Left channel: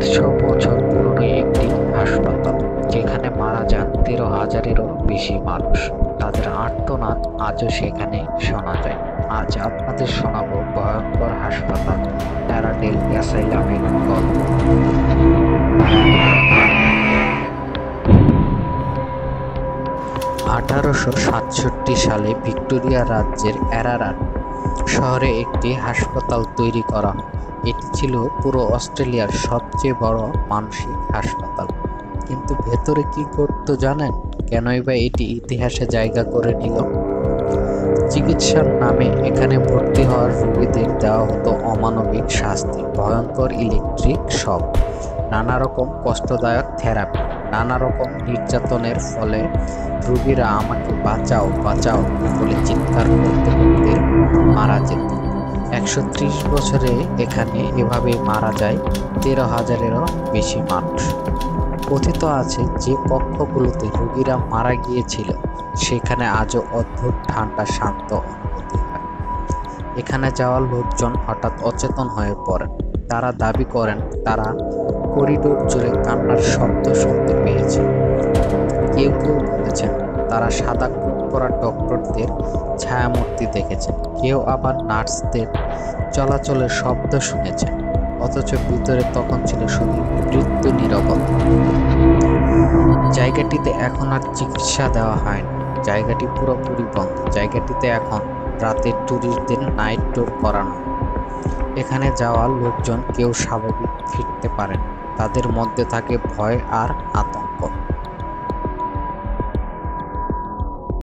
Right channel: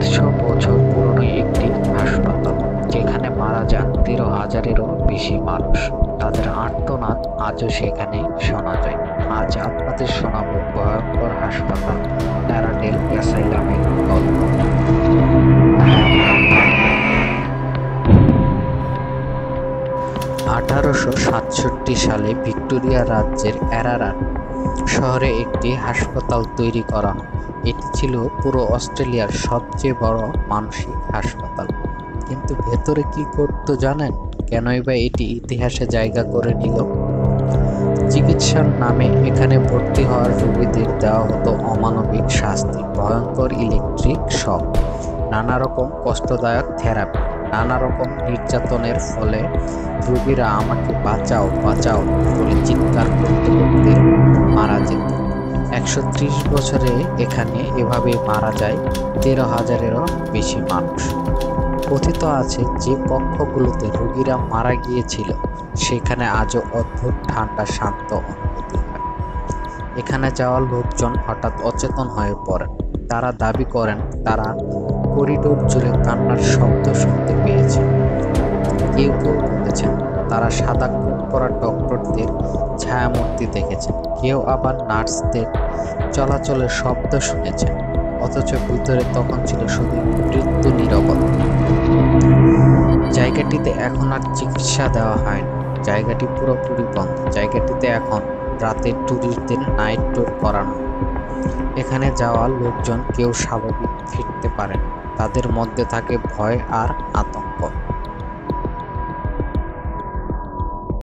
150 বছর পুরনো একটি হাসপাতাল, যেখানে মারা যান 13,000-এরও বেশি মানুষ। তাদের আর্তনাদ আজও সেখানে শোনা যায়। আজ আপনাদের শোনাবো ভয়ঙ্কর হাসপাতাল প্যারাডেল অ্যাসাইলামের গল্প। 1867 সালে ভিক্টোরিয়া রাজ্যের অ্যারারাট শহরে একটি হাসপাতাল তৈরি করা হয়। এটি ছিল পুরো অস্ট্রেলিয়ার সবচেয়ে বড় মানসিক হাসপাতাল। কিন্তু ভেতরে কি করতো জানেন? কেনই বা এটি ইতিহাসে জায়গা করে নিল? চিকিৎসার নামে এখানে ভর্তি হওয়ার রোগীদের দেওয়া হতো অমানবিক শাস্তি, ভয়ঙ্কর ইলেকট্রিক শক, নানা রকম কষ্টদায়ক থেরাপি, নানা রকম নির্যাতনের ফলে রোগীরা আমাকে বাঁচাও বাঁচাও বলে চিৎকার করতে করতে মারা যেত। 130 বছরে এখানে এভাবে মারা যায় 13,000-এরও বেশি মানুষ। কথিত আছে যে কক্ষগুলোতে রোগীরা মারা গিয়েছিল সেখানে আজও অদ্ভুত ঠান্ডা শান্ত অনুভূতি হয়। এখানে যাওয়া লোকজন হঠাৎ অচেতন হয়ে পড়েন। তারা দাবি করেন তারা করিডোর জুড়ে কান্নার শব্দ শুনতে পেয়েছে। কেউ কেউ বলেছেন তারা সাদা কোট পরা ডক্টরদের ছায়ামূর্তি দেখেছেন। কেউ আবার নার্সদের চলাচলের শব্দ শুনেছেন। অথচ ভিতরে তখন ছিল শুধু মৃত্যু নীরবতা। জায়গাটিতে এখন আর চিকিৎসা দেওয়া হয় না। জায়গাটি পুরোপুরি বন্ধ। জায়গাটিতে এখন রাতে ট্যুরিস্টদের নাইট ট্যুর করানো। এখানে যাওয়া লোকজন কেউ স্বাভাবিক ফিরতে পারে না। তাদের মধ্যে থাকে ভয় আর আতঙ্ক।